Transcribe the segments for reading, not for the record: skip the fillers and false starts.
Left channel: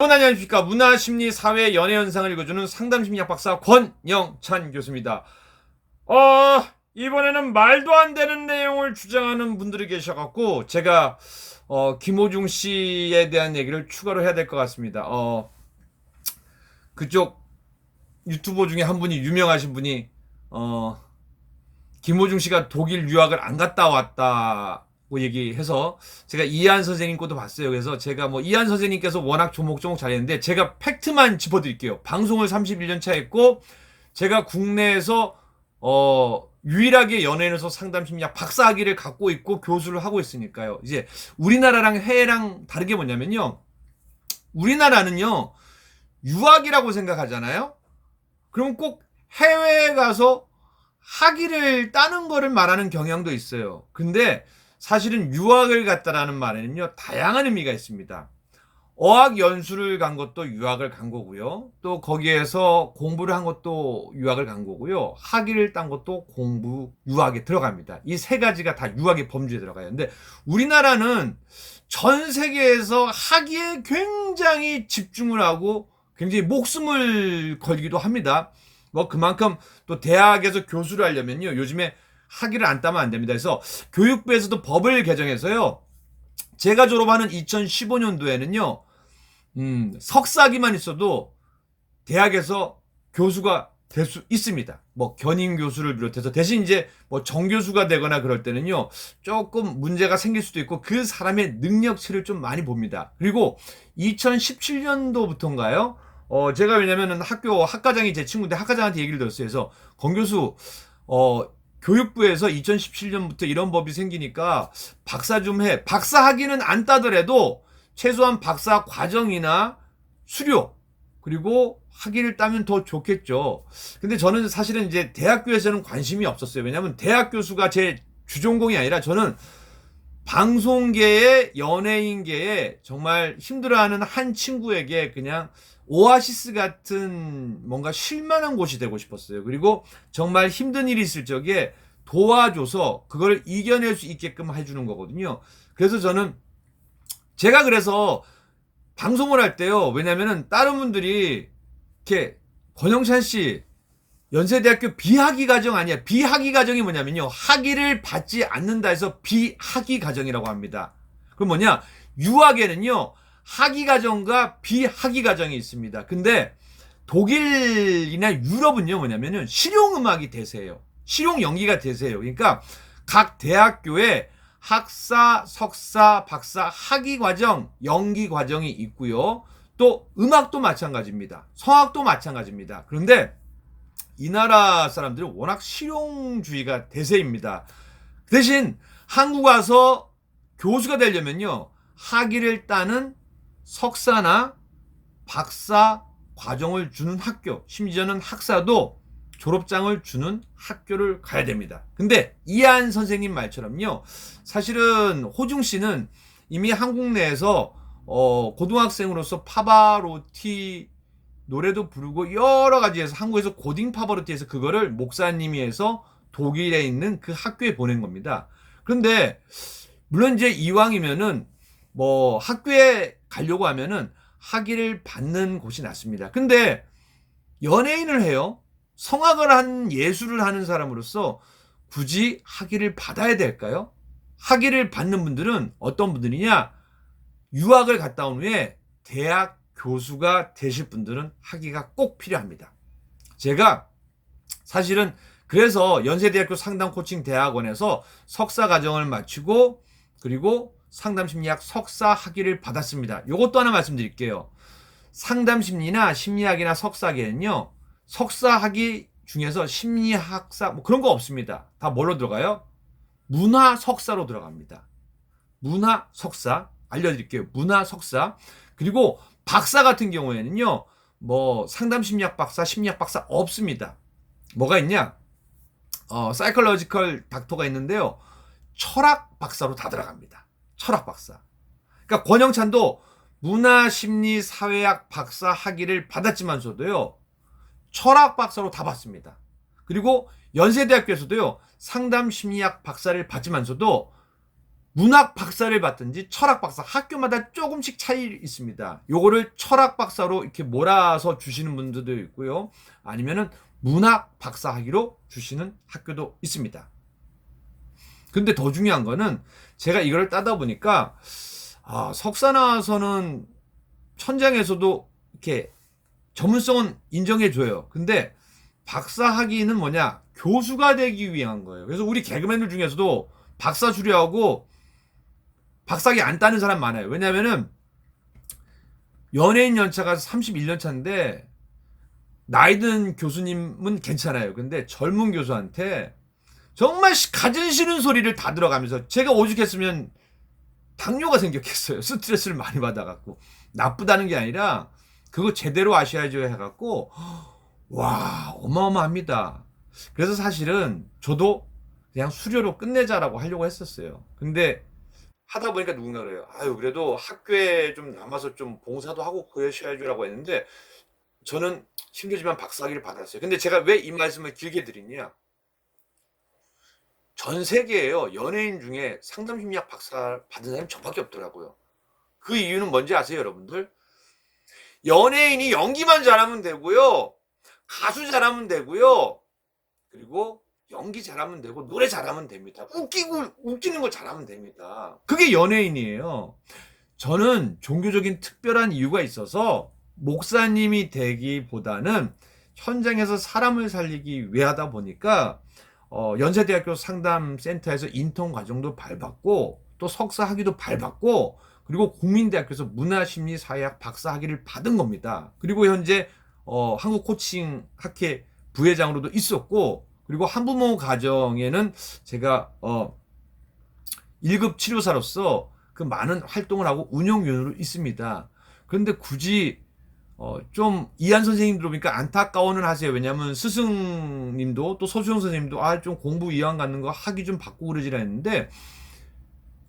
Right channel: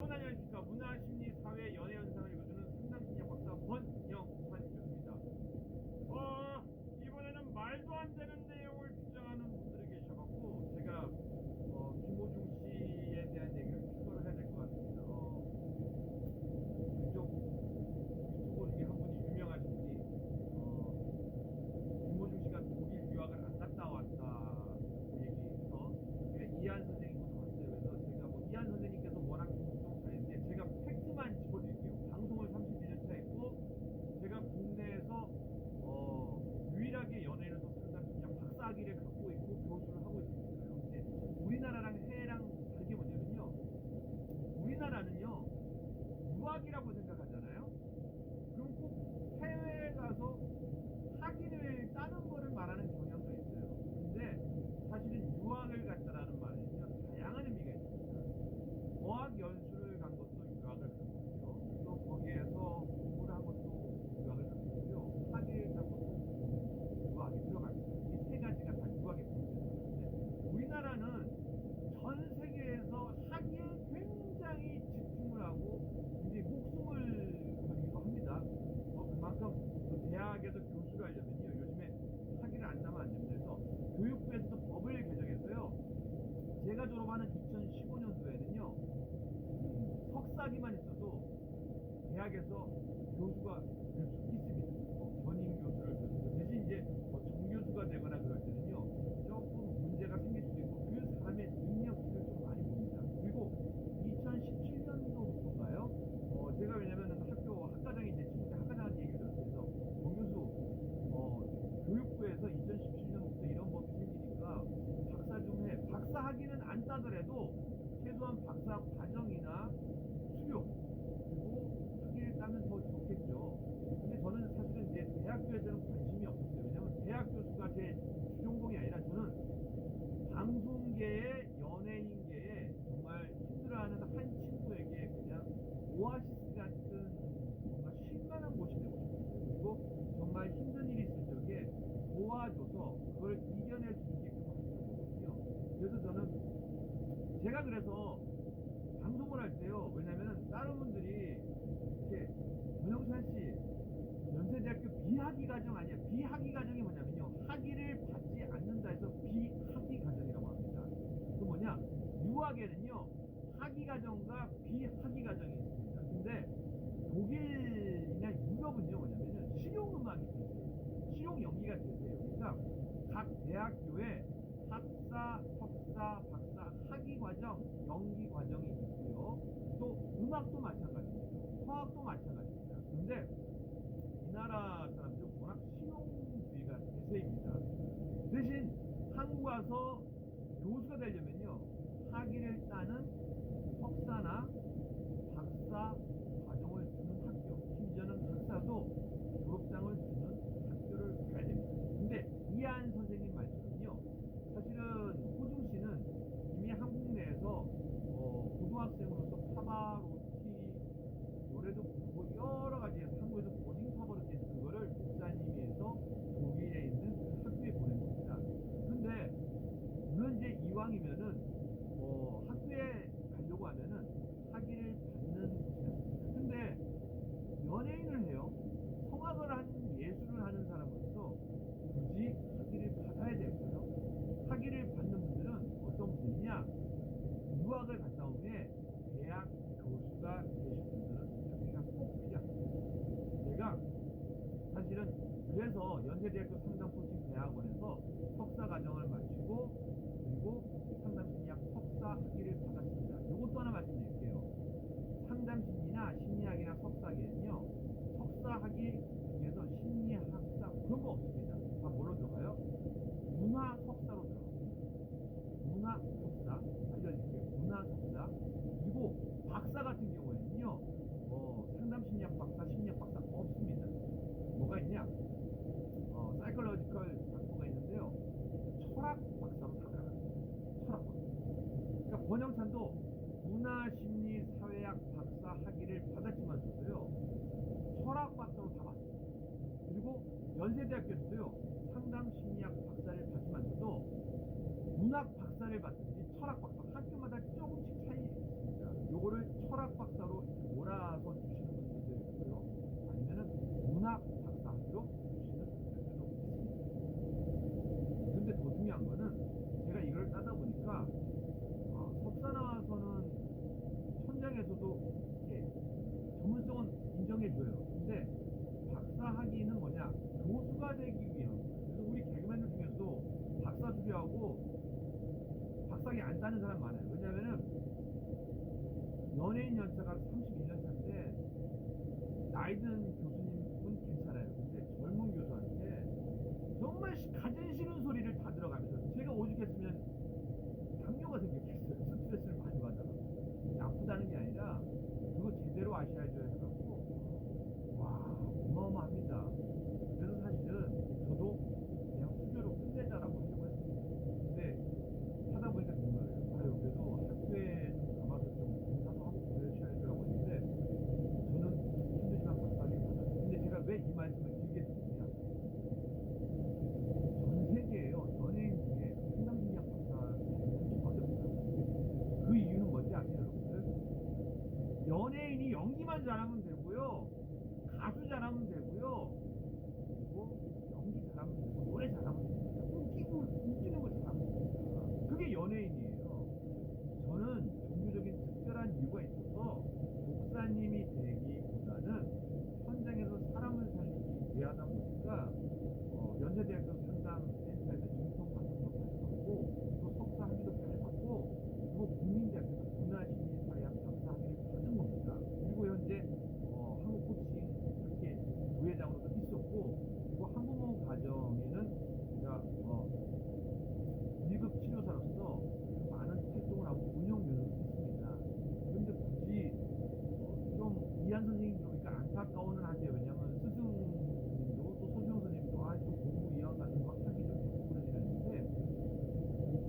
안녕하십니까. 문화심리 사회 연애 현상을 읽어주는 상담심리학 박사 권영찬 교수입니다. 이번에는 말도 안 되는 내용을 주장하는 분들이 계셔갖고 제가 김호중 씨에 대한 얘기를 추가로 해야 될 것 같습니다. 그쪽 유튜버 중에 한 분이, 유명하신 분이 김호중 씨가 독일 유학을 안 갔다 왔다고 얘기해서 제가 이한 선생님 것도 봤어요. 그래서 제가 이한 선생님께서 워낙 조목조목 잘했는데 제가 팩트만 짚어드릴게요. 방송을 31년 차 했고 제가 국내에서 유일하게 연예인에서 상담심리학 박사학위를 갖고 있고 교수를 하고 있으니까요. 이제 우리나라랑 해외랑 다른 게 뭐냐면요, 우리나라는요 유학이라고 생각하잖아요. 그럼 꼭 해외에 가서 학위를 따는 거를 말하는 경향도 있어요. 근데 사실은 유학을 갔다라는 말에는요 다양한 의미가 있습니다. 어학 연수를 간 것도 유학을 간 거고요. 또 거기에서 공부를 한 것도 유학을 간 거고요. 학위를 딴 것도 유학에 들어갑니다. 이 세 가지가 다 유학의 범주에 들어가요. 근데 우리나라는 전 세계에서 학위에 굉장히 집중을 하고 굉장히 목숨을 걸기도 합니다. 그만큼 또 대학에서 교수를 하려면요 요즘에 학위를 안 따면 안 됩니다. 그래서 교육부에서도 법을 개정해서요, 제가 졸업하는 2015년도에는요 석사학위만 있어도 대학에서 교수가 될 수 있습니다. 견임 교수를 비롯해서. 대신 이제 정교수가 되거나 그럴 때는요 조금 문제가 생길 수도 있고 그 사람의 능력치를 좀 많이 봅니다. 그리고 2017년도부터인가요? 제가 왜냐면은 학과장이 제 친구인데 학과장한테 얘기를 들었어요. 그래서 권 교수, 교육부에서 2017년부터 이런 법이 생기니까 박사 좀 해. 박사 학위는 안 따더라도 최소한 박사 과정이나 수료, 그리고 학위를 따면 더 좋겠죠. 근데 저는 사실은 이제 대학교에서는 관심이 없었어요. 왜냐면 대학 교수가 제 주전공이 아니라 저는 방송계에, 연예인계에 정말 힘들어하는 한 친구에게 그냥 오아시스 같은 뭔가 쉴만한 곳이 되고 싶었어요. 그리고 정말 힘든 일이 있을 적에 도와줘서 그걸 이겨낼 수 있게끔 해주는 거거든요. 그래서 제가 방송을 할 때요, 왜냐면은 다른 분들이 이렇게 권영찬 씨 연세대학교 비학위 과정 아니야. 비학위 과정이 뭐냐면요, 학위를 받지 않는다 해서 비학위 과정이라고 합니다. 그럼 뭐냐, 유학에는요 학위 과정과 비학위 과정이 있습니다. 근데 독일이나 유럽은요 뭐냐면은 실용음악이 대세예요. 실용 연기가 대세예요. 그러니까 각 대학교에 학사, 석사, 박사, 학위 과정, 연기 과정이 있고요. 또 음악도 마찬가지입니다. 성악도 마찬가지입니다. 그런데 이 나라 사람들은 워낙 실용주의가 대세입니다. 대신 한국 와서 교수가 되려면요 학위를 따는 석사나 박사 과정을 주는 학교, 심지어는 학사도 졸업장을 주는 학교를 가야 됩니다. 근데 이한 선생님 말처럼요, 사실은 호중 씨는 이미 한국 내에서 고등학생으로서 파바로티 노래도 부르고 여러 가지에서, 한국에서 고딩 파바로티에서 그거를 목사님이 해서 독일에 있는 그 학교에 보낸 겁니다. 그런데 물론 이제 이왕이면은 학교에 가려고 하면은 학위를 받는 곳이 낫습니다. 근데 연예인을 해요. 성악을 한, 예술을 하는 사람으로서 굳이 학위를 받아야 될까요? 학위를 받는 분들은 어떤 분들이냐, 유학을 갔다 온 후에 대학 교수가 되실 분들은 학위가 꼭 필요합니다. 제가 사실은 그래서 연세대학교 상담코칭대학원에서 석사 과정을 마치고 그리고 상담심리학 석사 학위를 받았습니다. 이것도 하나 말씀드릴게요. 상담심리나 심리학이나 석사학위는요 석사 학위 중에서 심리학사 그런 거 없습니다. 다 뭘로 들어가요? 문화 석사로 들어갑니다. 문화 석사 알려드릴게요. 문화 석사. 그리고 박사 같은 경우에는요 상담심리학 박사, 심리학 박사 없습니다. 뭐가 있냐, 사이콜로지컬 닥터가 있는데요 철학 박사로 다 들어갑니다. 철학 박사. 그러니까 권영찬도 문화심리 사회학 박사 학위를 받았지만서도요 철학 박사로 다 받습니다. 그리고 연세대학교에서도요 상담심리학 박사를 받지만서도 문학 박사를 받든지 철학 박사, 학교마다 조금씩 차이 있습니다. 요거를 철학 박사로 이렇게 몰아서 주시는 분들도 있고요. 아니면은 문학 박사 학위로 주시는 학교도 있습니다. 근데 더 중요한 거는 제가 이걸 따다 보니까 석사 나와서는 천장에서도 이렇게 전문성은 인정해줘요. 근데 박사 학위는 뭐냐? 교수가 되기 위한 거예요. 그래서 우리 개그맨들 중에서도 박사 수료하고 박사학위 안 따는 사람 많아요. 왜냐면은 연예인 연차가 31년 차인데 나이 든 교수님은 괜찮아요. 근데 젊은 교수한테 정말 가진 싫은 소리를 다 들어가면서, 제가 오죽했으면 당뇨가 생겼겠어요. 스트레스를 많이 받아갖고. 나쁘다는 게 아니라 그거 제대로 아셔야죠 해갖고 와, 어마어마합니다. 그래서 사실은 저도 그냥 수료로 끝내자라고 하려고 했었어요. 근데 하다 보니까 누군가 그래요. 아유, 그래도 학교에 좀 남아서 좀 봉사도 하고 그러셔야죠라고 했는데 저는 힘들지만 박사학위를 받았어요. 근데 제가 왜 이 말씀을 길게 드리냐? 전 세계에요, 연예인 중에 상담심리학 박사 받은 사람이 저밖에 없더라고요. 그 이유는 뭔지 아세요, 여러분들? 연예인이 연기만 잘하면 되고요, 가수 잘하면 되고요, 그리고 연기 잘하면 되고 노래 잘하면 됩니다. 웃기는 거 잘하면 됩니다. 그게 연예인이에요. 저는 종교적인 특별한 이유가 있어서 목사님이 되기보다는 현장에서 사람을 살리기 위해 하다 보니까 연세대학교 상담센터에서 인턴 과정도 밟았고 또 석사 학위도 밟았고 그리고 국민대학교에서 문화심리사회학 박사 학위를 받은 겁니다. 그리고 현재 한국 코칭 학회 부회장으로도 있었고, 그리고 한부모 가정에는 제가 1급 치료사로서 그 많은 활동을 하고 운영위원으로 있습니다. 그런데 굳이 좀 이한 선생님 들어보니까 안타까워는 하세요. 왜냐하면 스승님도 또 서수영 선생님도 좀 공부 이완 갖는 거 학위 좀 받고 그러지라 했는데,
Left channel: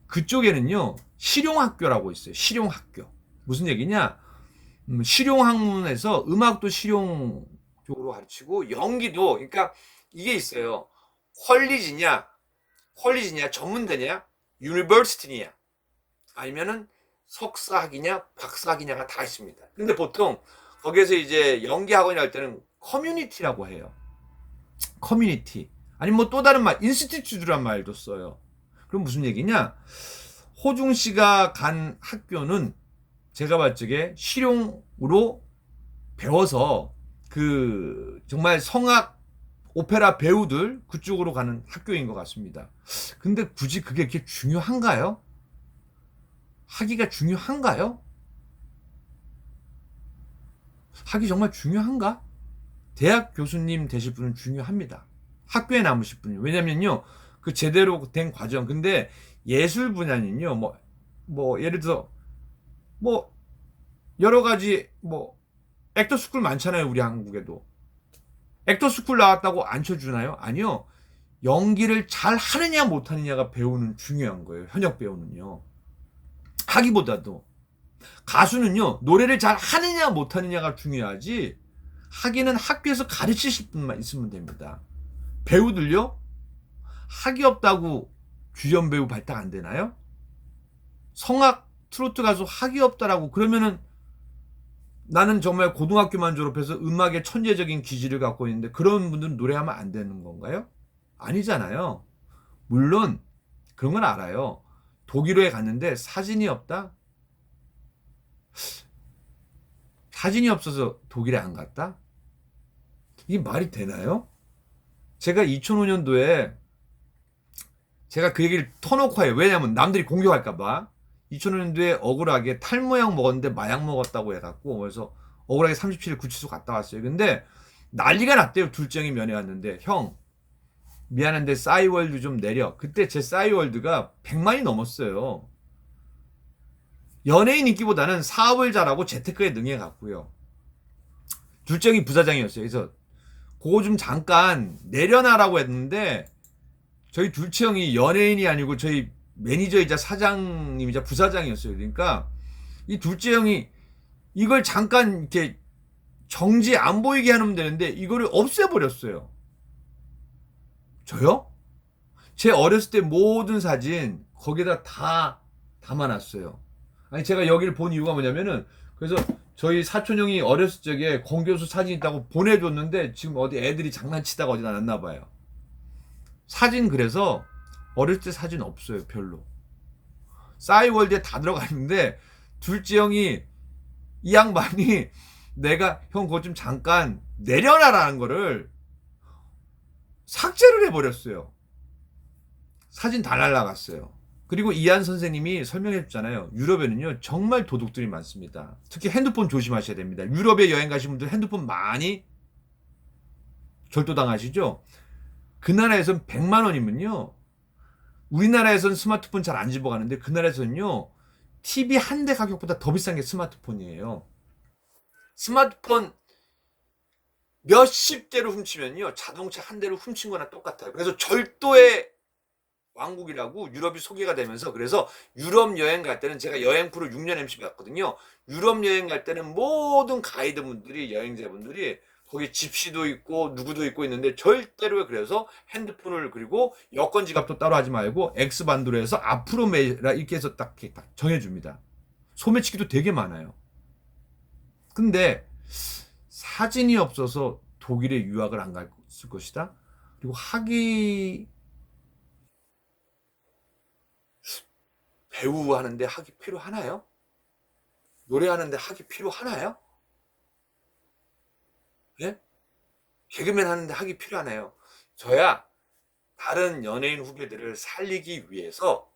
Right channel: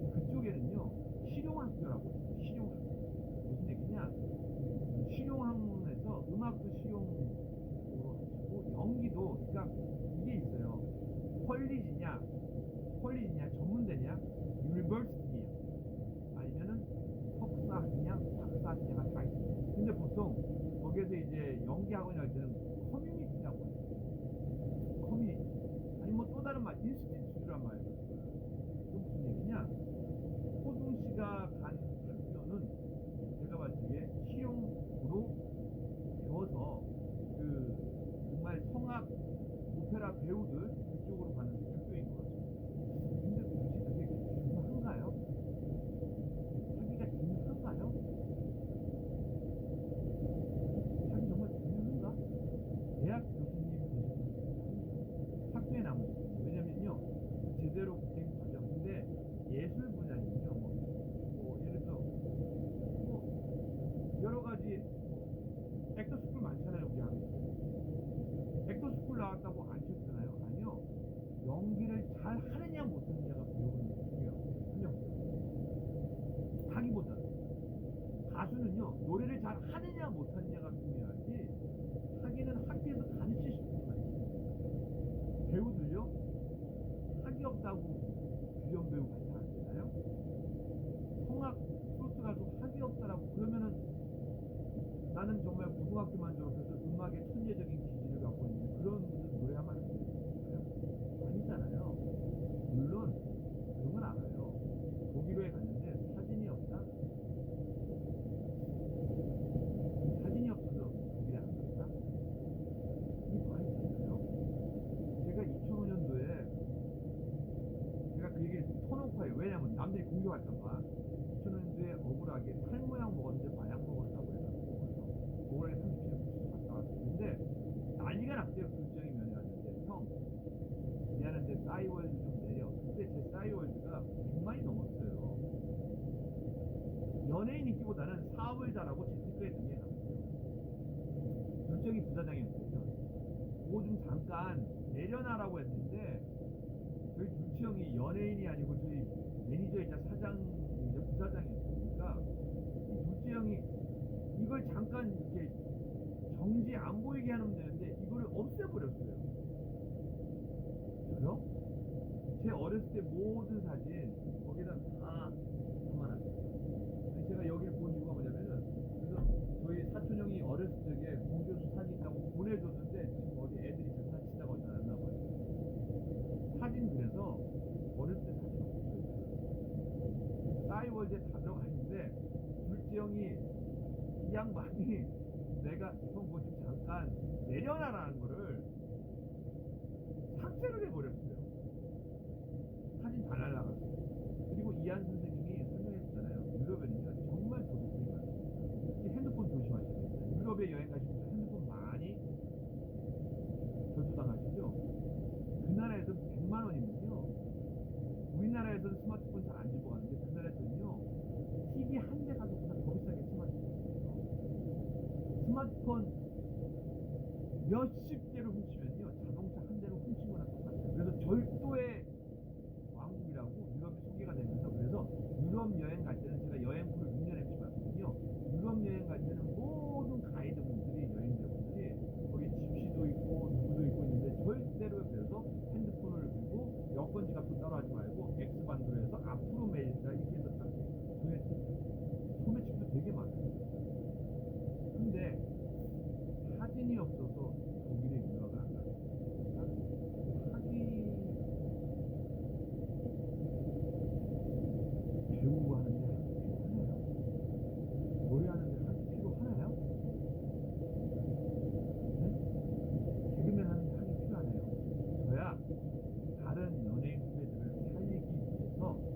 그쪽에는요 실용학교라고 있어요. 실용학교. 무슨 얘기냐? 실용학문에서 음악도 실용 쪽으로 가르치고 연기도, 그러니까 이게 있어요. 컬리지냐 전문대냐 유니버시티냐 아니면은 석사학위냐 박사학위냐가 다 있습니다. 근데 보통 거기에서 이제 연기학원이라 할 때는 커뮤니티라고 해요. 커뮤니티. 아니면 뭐 또 다른 말 인스티튜트란 말도 써요. 그럼 무슨 얘기냐? 호중 씨가 간 학교는 제가 봤을 적에 실용으로 배워서 그 정말 성악 오페라 배우들 그쪽으로 가는 학교인 것 같습니다. 근데 굳이 그게 이렇게 중요한가요? 학위가 중요한가요? 학위 정말 중요한가? 대학 교수님 되실 분은 중요합니다. 학교에 남으실 분이. 왜냐면요, 그 제대로 된 과정. 근데 예술 분야는요, 뭐 예를 들어 뭐 여러 가지 뭐 액터 스쿨 많잖아요. 우리 한국에도 액터 스쿨 나왔다고 안 쳐주나요? 아니요. 연기를 잘 하느냐 못하느냐가 배우는 중요한 거예요. 현역 배우는요. 학위보다도. 가수는요, 노래를 잘 하느냐 못하느냐가 중요하지 학위는 학교에서 가르치실 분만 있으면 됩니다. 배우들요, 학위 없다고 주연 배우 발탁 안 되나요? 성악 트로트 가수 학위 없다라고 그러면은 나는 정말 고등학교만 졸업해서 음악에 천재적인 기질을 갖고 있는데 그런 분들은 노래하면 안 되는 건가요? 아니잖아요. 물론 그런 건 알아요. 독일어에 갔는데 사진이 없다? 사진이 없어서 독일에 안 갔다? 이게 말이 되나요? 제가 2005년도에 제가 그 얘기를 터놓고 해요. 왜냐면 남들이 공격할까봐. 2005년도에 억울하게 탈모약 먹었는데 마약 먹었다고 해갖고, 그래서 억울하게 37일 구치소 갔다 왔어요. 근데 난리가 났대요. 둘째 형이 면회 왔는데, 형 미안한데 싸이월드 좀 내려. 그때 제 싸이월드가 100만이 넘었어요. 연예인 인기보다는 사업을 잘하고 재테크에 능해갖고요. 둘째 형이 부사장이었어요. 그래서 그거 좀 잠깐 내려놔라고 했는데, 저희 둘째 형이 연예인이 아니고 저희 매니저이자 사장님이자 부사장이었어요. 그러니까 이 둘째 형이 이걸 잠깐 이렇게 정지 안 보이게 하면 되는데 이거를 없애버렸어요. 저요? 제 어렸을 때 모든 사진 거기다 다 담아놨어요. 아니 제가 여기를 본 이유가 뭐냐면은 그래서 저희 사촌 형이 어렸을 적에 공교수 사진 있다고 보내줬는데 지금 어디 애들이 장난치다가 어디 놨나 봐요. 사진 그래서 어릴 때 사진 없어요 별로. 싸이월드에 다 들어가 있는데 둘째 형이 이 양반이 내가 형 그거 좀 잠깐 내려놔라는 거를 삭제를 해버렸어요. 사진 다 날라갔어요. 그리고 이한 선생님이 설명해 줬잖아요. 유럽에는요 정말 도둑들이 많습니다. 특히 핸드폰 조심하셔야 됩니다. 유럽에 여행 가신 분들 핸드폰 많이 절도당하시죠? 그 나라에선 100만 원이면요 우리나라에선 스마트폰 잘 안 집어가는데 그 나라에서는요 TV 한 대 가격보다 더 비싼 게 스마트폰이에요. 스마트폰 몇십 대를 훔치면요 자동차 한 대를 훔친 거나 똑같아요. 그래서 절도의 왕국이라고 유럽이 소개가 되면서 그래서 유럽 여행 갈 때는 제가 여행 프로 6년 MC 갔거든요. 유럽 여행 갈 때는 모든 가이드분들이 여행자분들이 거기 집시도 있고 누구도 있고 있는데 절대로 그래서 핸드폰을 그리고 여권 지갑도 따로 하지 말고 X반도로 해서 앞으로 매라 이렇게 해서 딱 정해줍니다. 소매치기도 되게 많아요. 근데 사진이 없어서 독일에 유학을 안 갈 것이다. 그리고 학위 배우 하는데 학위 필요하나요? 노래하는데 학위 필요하나요? 예? 개그맨 하는데 학위 필요하나요? 저야 다른 연예인 후배들을 살리기 위해서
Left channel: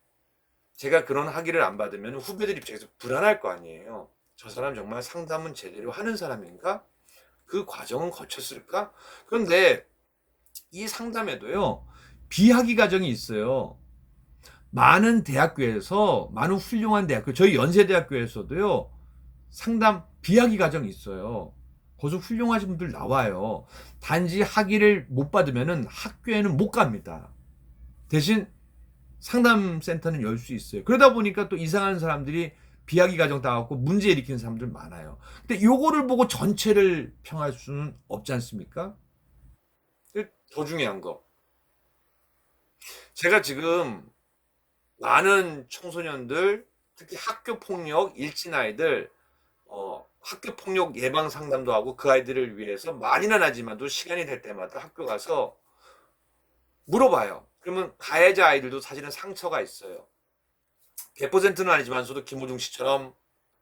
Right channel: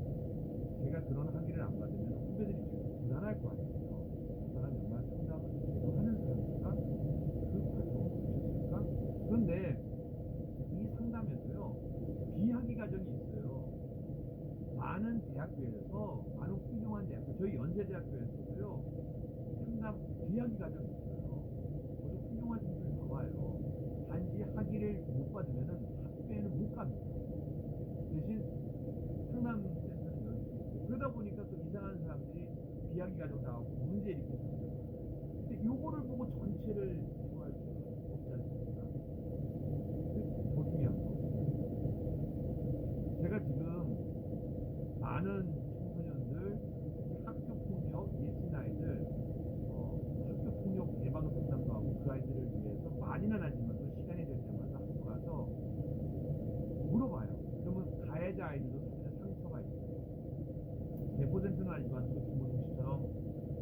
제가 그런 학위를 안 받으면 후배들 입장에서 불안할 거 아니에요. 저 사람 정말 상담은 제대로 하는 사람인가? 그 과정은 거쳤을까? 그런데 이 상담에도요 비학위 과정이 있어요. 많은 대학교에서 많은 훌륭한 대학교 저희 연세대학교에서도요 상담 비학위 과정이 있어요. 거기서 훌륭하신 분들 나와요. 단지 학위를 못 받으면은 학교에는 못 갑니다. 대신 상담센터는 열 수 있어요. 그러다 보니까 또 이상한 사람들이 비학위 과정 따갖고 문제 일으키는 사람들 많아요. 근데 요거를 보고 전체를 평할 수는 없지 않습니까? 더 중요한 거 제가 지금 많은 청소년들 특히 학교폭력 일진 아이들 학교폭력 예방 상담도 하고 그 아이들을 위해서 많이는 하지만도 시간이 될 때마다 학교 가서 물어봐요. 그러면 가해자 아이들도 사실은 상처가 있어요. 100%는 아니지만서도 김호중 씨처럼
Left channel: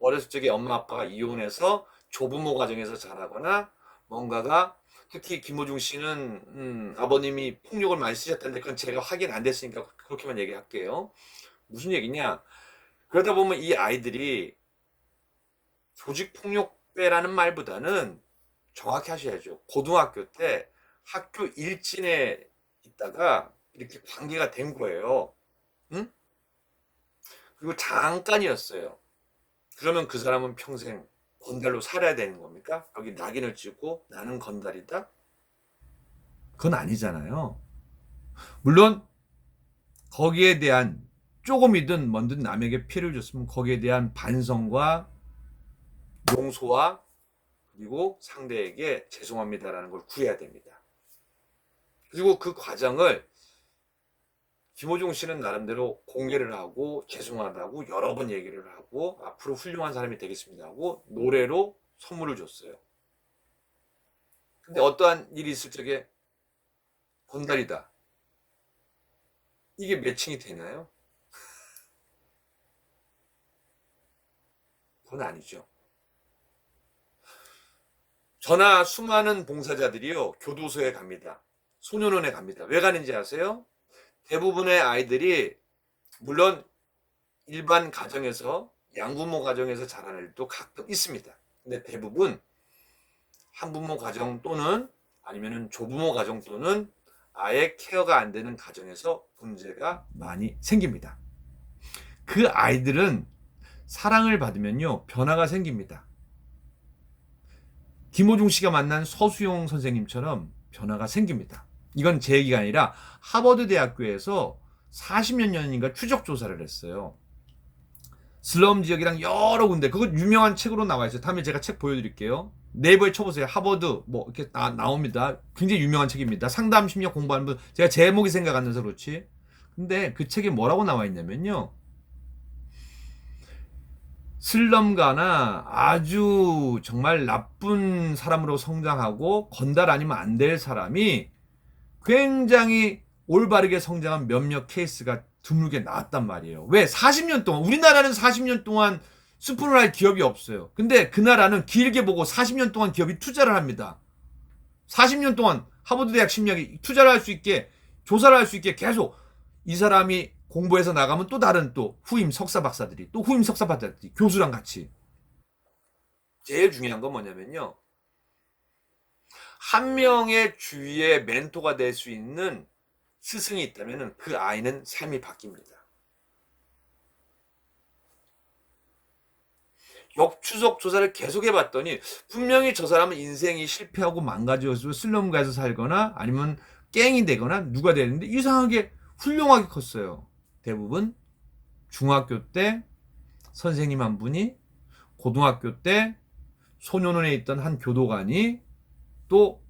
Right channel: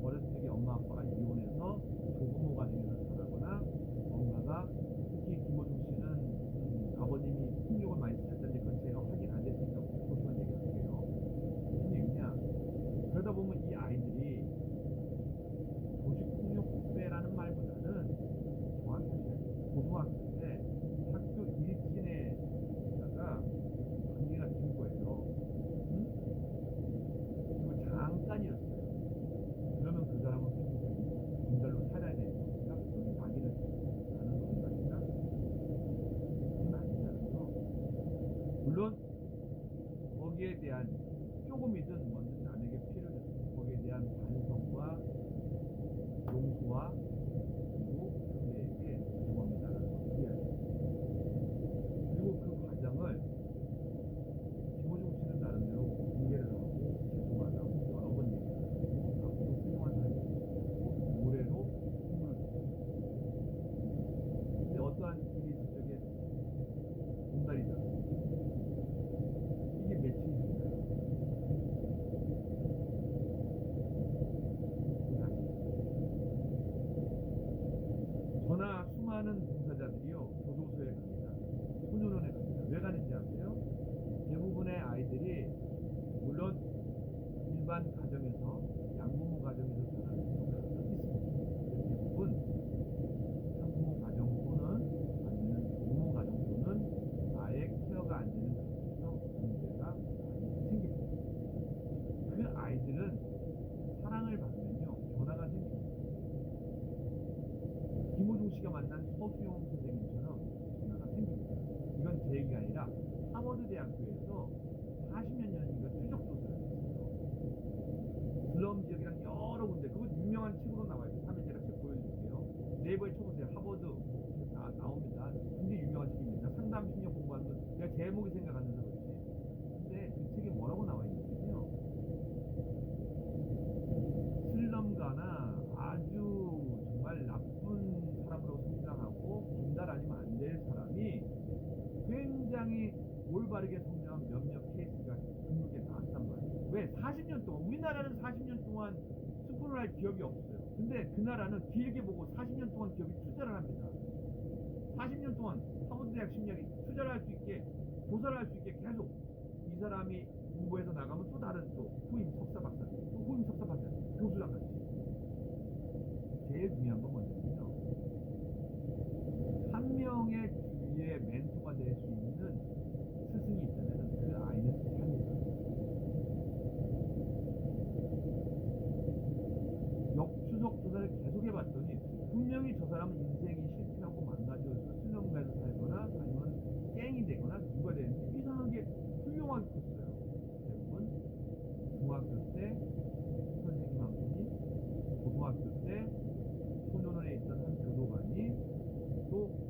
어렸을 적에 엄마 아빠가 이혼해서 조부모 가정에서 자라거나 뭔가가 특히 김호중 씨는 아버님이 폭력을 많이 쓰셨다는데 그건 제가 확인 안 됐으니까 그렇게만 얘기할게요. 무슨 얘기냐? 그러다 보면 이 아이들이 조직폭력배라는 말보다는 정확히 하셔야죠. 고등학교 때 학교 일진에 있다가 이렇게 관계가 된 거예요. 응? 그리고 잠깐이었어요. 그러면 그 사람은 평생 건달로 살아야 되는 겁니까? 여기 낙인을 찍고 나는 건달이다? 그건 아니잖아요. 물론 거기에 대한 조금이든 뭔든 남에게 피해를 줬으면 거기에 대한 반성과 용서와 그리고 상대에게 죄송합니다라는 걸 구해야 됩니다. 그리고 그 과정을 김호중 씨는 나름대로 공개를 하고 죄송하다고 여러 번 얘기를 하고 앞으로 훌륭한 사람이 되겠습니다 하고 노래로 선물을 줬어요. 근데 어떠한 일이 있을 적에 건달이다. 이게 매칭이 되나요? 그건 아니죠. 저나 수많은 봉사자들이요 교도소에 갑니다. 소년원에 갑니다. 왜 가는지 아세요? 대부분의 아이들이 물론 일반 가정에서 양부모 가정에서 자라는 일도 가끔 있습니다. 근데 대부분 한부모 가정 또는 아니면은 조부모 가정 또는 아예 케어가 안 되는 가정에서 문제가 많이 생깁니다. 그 아이들은 사랑을 받으면요 변화가 생깁니다. 김호중 씨가 만난 서수용 선생님처럼 변화가 생깁니다. 이건 제 얘기가 아니라 하버드 대학교에서 40년 전인가 추적 조사를 했어요. 슬럼 지역이랑 여러 군데 그거 유명한 책으로 나와 있어요. 다음에 제가 책 보여드릴게요. 네이버에 쳐보세요. 하버드 뭐 이렇게 나옵니다. 굉장히 유명한 책입니다. 상담 심리학 공부하는 분 제가 제목이 생각 안 나서 그렇지. 근데 그 책에 뭐라고 나와 있냐면요, 슬럼가나 아주 정말 나쁜 사람으로 성장하고 건달 아니면 안 될 사람이 굉장히 올바르게 성장한 몇몇 케이스가 드물게 나왔단 말이에요. 왜? 40년 동안, 우리나라는 40년 동안 스폰을 할 기업이 없어요. 근데 그 나라는 길게 보고 40년 동안 기업이 투자를 합니다. 40년 동안 하버드 대학 심리학이 투자를 할 수 있게, 조사를 할 수 있게 계속 이 사람이 공부해서 나가면 또 다른 또 후임 석사 박사들이, 또 후임 석사 박사들이 교수랑 같이. 제일 중요한 건 뭐냐면요, 한 명의 주위에 멘토가 될 수 있는 스승이 있다면 그 아이는 삶이 바뀝니다. 역추적 조사를 계속 해봤더니 분명히 저 사람은 인생이 실패하고 망가져서 슬럼가에서 살거나 아니면 갱이 되거나 누가 되는데 이상하게 훌륭하게 컸어요. 대부분 중학교 때 선생님 한 분이, 고등학교 때 소년원에 있던 한 교도관이, 또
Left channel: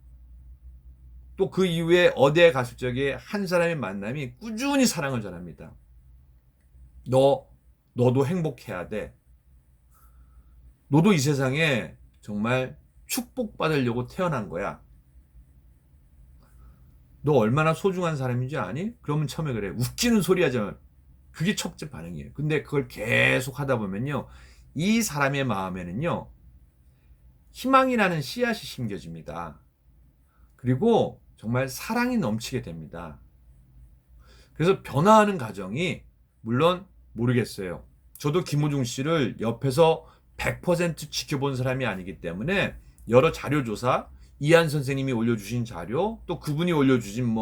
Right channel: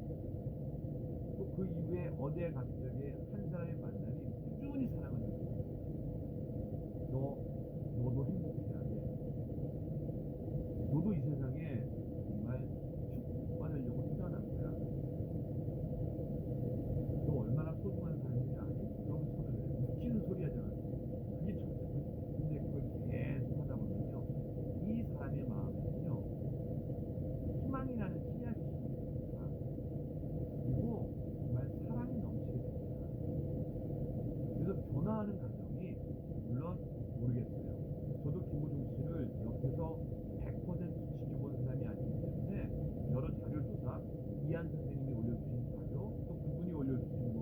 그 이후에 어디에 갔을 적에 한 사람의 만남이 꾸준히 사랑을 전합니다. 너도 행복해야 돼. 너도 이 세상에 정말 축복받으려고 태어난 거야. 너 얼마나 소중한 사람인지 아니? 그러면 처음에 그래. 웃기는 소리 하잖아. 그게 첫째 반응이에요. 근데 그걸 계속 하다 보면요, 이 사람의 마음에는요, 희망이라는 씨앗이 심겨집니다. 그리고 정말 사랑이 넘치게 됩니다. 그래서 변화하는 과정이, 물론 모르겠어요. 저도 김호중 씨를 옆에서 100% 지켜본 사람이 아니기 때문에 여러 자료 조사, 이한 선생님이 올려주신 자료, 또 그분이 올려주신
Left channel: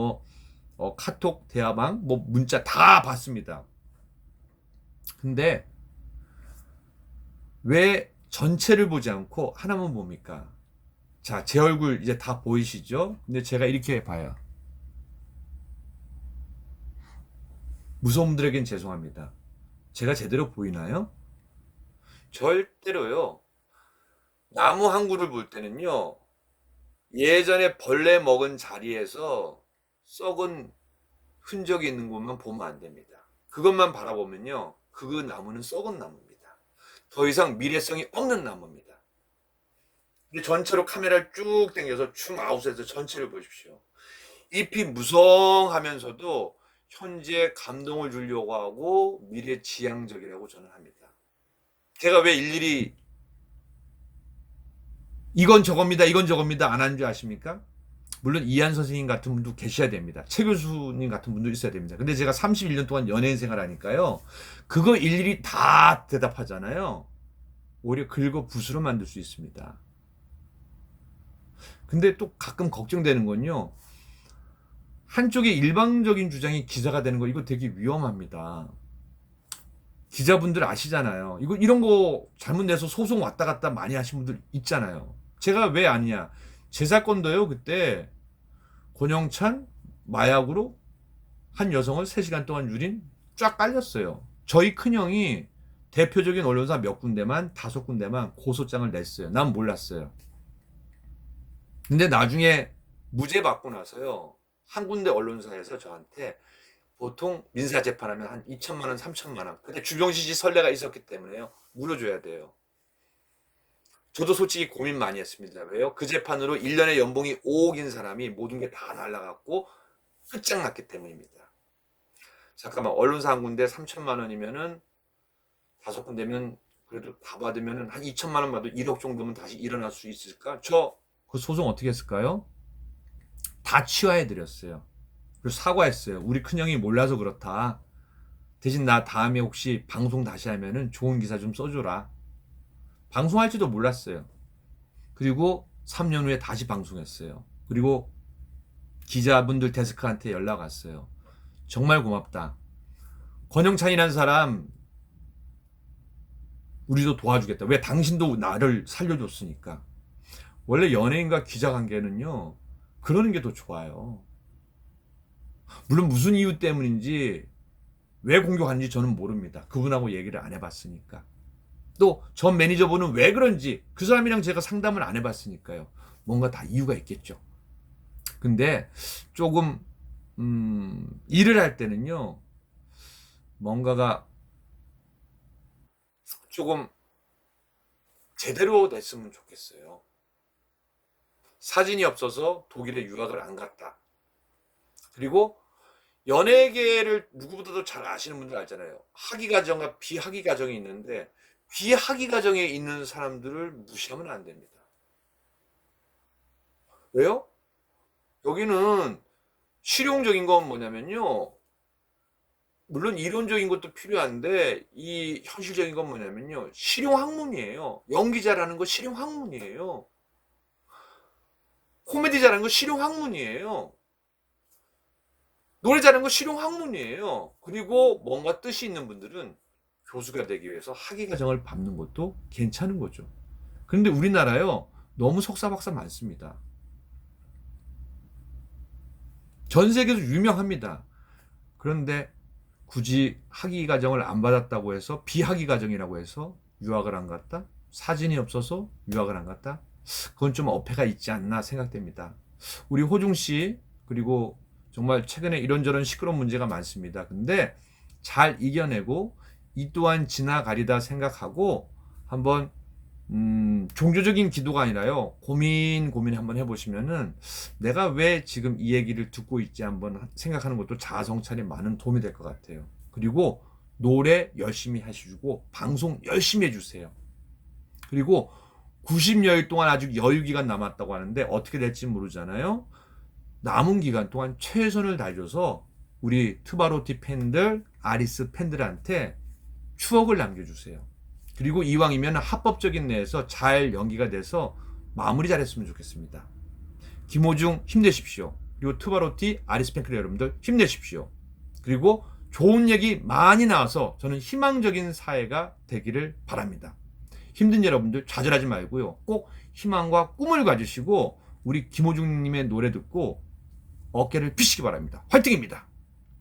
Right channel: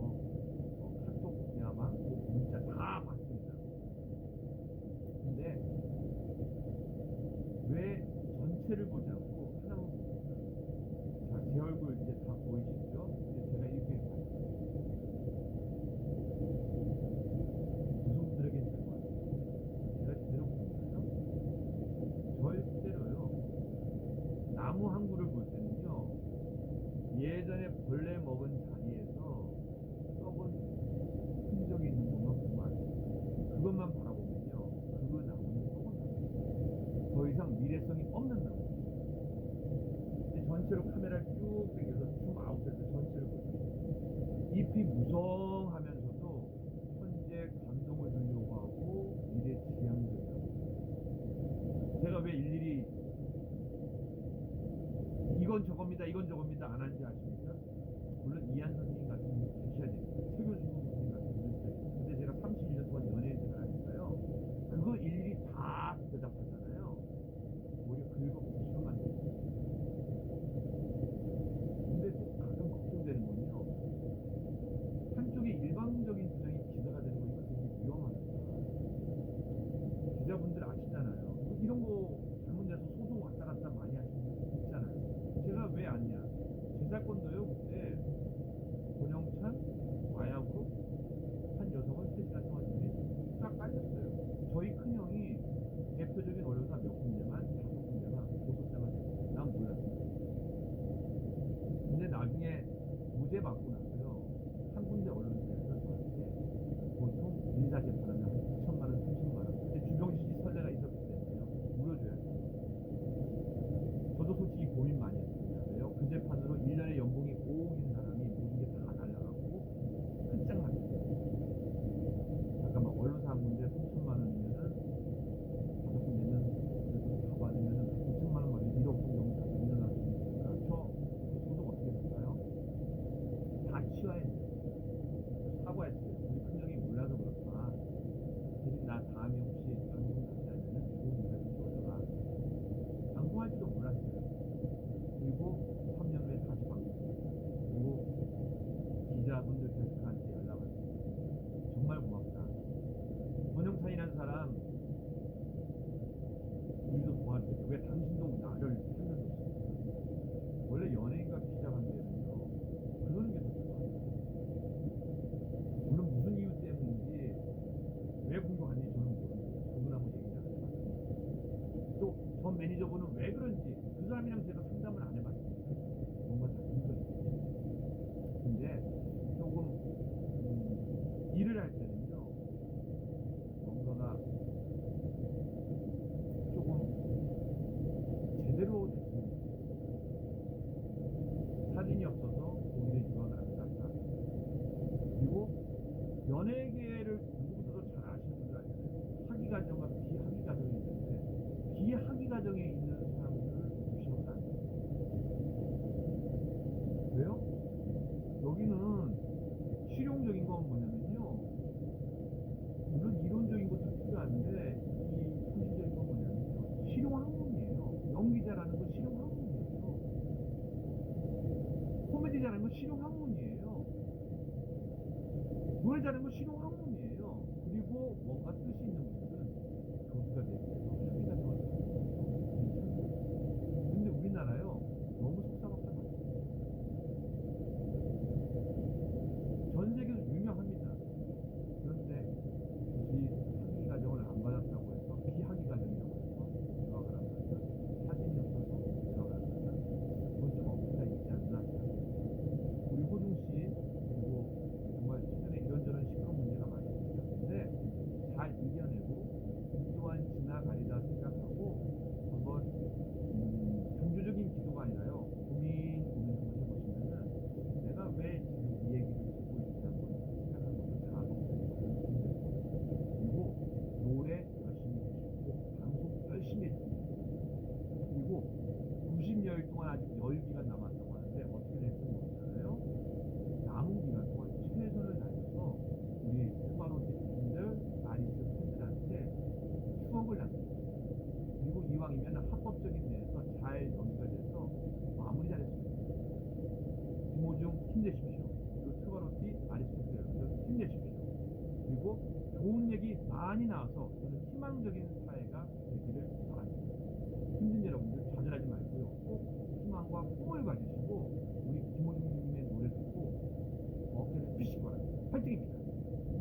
카톡, 대화방, 문자 다 봤습니다. 근데 왜 전체를 보지 않고 하나만 봅니까? 자, 제 얼굴 이제 다 보이시죠? 근데 제가 이렇게 봐요. 무서운 분들에겐 죄송합니다. 제가 제대로 보이나요? 절대로요. 나무 한 그루를 볼 때는요, 예전에 벌레 먹은 자리에서 썩은 흔적이 있는 것만 보면 안 됩니다. 그것만 바라보면요, 그 나무는 썩은 나무입니다. 더 이상 미래성이 없는 나무입니다. 전체로 카메라를 쭉 당겨서 줌 아웃해서 전체를 보십시오. 잎이 무성하면서도 현재 감동을 주려고 하고 미래 지향적이라고 저는 합니다. 제가 왜 일일이 이건 저겁니다, 이건 저겁니다 안 하는 줄 아십니까? 물론 이한 선생님 같은 분도 계셔야 됩니다. 최 교수님 같은 분도 있어야 됩니다. 근데 제가 31년 동안 연예인 생활하니까요, 그거 일일이 다 대답하잖아요. 오히려 긁어 붓으로 만들 수 있습니다. 근데 또 가끔 걱정되는 건요, 한쪽의 일방적인 주장이 기사가 되는 거, 이거 되게 위험합니다. 기자분들 아시잖아요. 이런 거 잘못 내서 소송 왔다 갔다 많이 하신 분들 있잖아요. 제가 왜 아니냐. 제 사건도요, 그때 권영찬 마약으로 한 여성을 3시간 동안 유린 쫙 깔렸어요. 저희 큰형이 대표적인 언론사 몇 군데만, 5군데만 고소장을 냈어요. 난 몰랐어요. 근데 나중에 무죄 받고 나서요, 한 군데 언론사에서 저한테 보통 민사 재판하면 한 2천만 원, 3천만 원. 근데 주병시지 선례가 있었기 때문에요, 물어줘야 돼요. 저도 솔직히 고민 많이 했습니다. 왜요? 그 재판으로 1년에 연봉이 5억인 사람이 모든 게 다 날라갔고 끝장났기 때문입니다. 잠깐만, 언론사 한 군데 3천만 원이면은 5군데면 그래도 다 받으면은 한 2천만 원 받아도 1억 정도면 다시 일어날 수 있을까? 저 그 소송 어떻게 했을까요? 다 취하해드렸어요. 그리고 사과했어요. 우리 큰형이 몰라서 그렇다. 대신 나 다음에 혹시 방송 다시 하면은 좋은 기사 좀 써줘라. 방송할지도 몰랐어요. 그리고 3년 후에 다시 방송했어요. 그리고 기자분들 데스크한테 연락 왔어요. 정말 고맙다. 권영찬이라는 사람 우리도 도와주겠다. 왜? 당신도 나를 살려줬으니까. 원래 연예인과 기자 관계는요, 그러는 게 더 좋아요. 물론 무슨 이유 때문인지, 왜 공격하는지 저는 모릅니다. 그분하고 얘기를 안 해봤으니까. 또 전 매니저분은 왜 그런지, 그 사람이랑 제가 상담을 안 해봤으니까요. 뭔가 다 이유가 있겠죠. 근데 조금 일을 할 때는요, 뭔가가 조금 제대로 됐으면 좋겠어요. 사진이 없어서 독일에 유학을 안 갔다. 그리고 연예계를 누구보다도 잘 아시는 분들 알잖아요. 학위 과정과 비학위 과정이 있는데 비학위 과정에 있는 사람들을 무시하면 안 됩니다. 왜요? 여기는 실용적인 건 뭐냐면요. 물론 이론적인 것도 필요한데 이 현실적인 건 뭐냐면요. 실용학문이에요. 연기 잘하는 거 실용학문이에요. 코미디 잘하는 거 실용학문이에요. 노래 잘하는 거 실용학문이에요. 그리고 뭔가 뜻이 있는 분들은 교수가 되기 위해서 학위과정을 밟는 것도 괜찮은 거죠. 그런데 우리나라요. 너무 석사박사 많습니다. 전 세계에서 유명합니다. 그런데 굳이 학위과정을 안 받았다고 해서 비학위과정이라고 해서 유학을 안 갔다? 사진이 없어서 유학을 안 갔다? 그건 좀 어폐가 있지 않나 생각됩니다. 우리 호중씨 그리고 정말 최근에 이런저런 시끄러운 문제가 많습니다. 근데 잘 이겨내고 이 또한 지나가리다 생각하고 한번 종교적인 기도가 아니라요. 고민 한번 해보시면은 내가 왜 지금 이 얘기를 듣고 있지 한번 생각하는 것도 자아성찰에 많은 도움이 될 것 같아요. 그리고 노래 열심히 하시고 방송 열심히 해주세요. 그리고 90여일 동안 아직 여유 기간 남았다고 하는데 어떻게 될지 모르잖아요. 남은 기간 동안 최선을 다해줘서 우리 트바로티 팬들, 아리스 팬들한테 추억을 남겨주세요. 그리고 이왕이면 합법적인 내에서 잘 연기가 돼서 마무리 잘했으면 좋겠습니다. 김호중 힘내십시오. 그리고 트바로티, 아리스 팬클 여러분들 힘내십시오. 그리고 좋은 얘기 많이 나와서 저는 희망적인 사회가 되기를 바랍니다. 힘든 여러분들 좌절하지 말고요. 꼭 희망과 꿈을 가지시고 우리 김호중님의 노래 듣고 어깨를 펴시기 바랍니다. 화이팅입니다.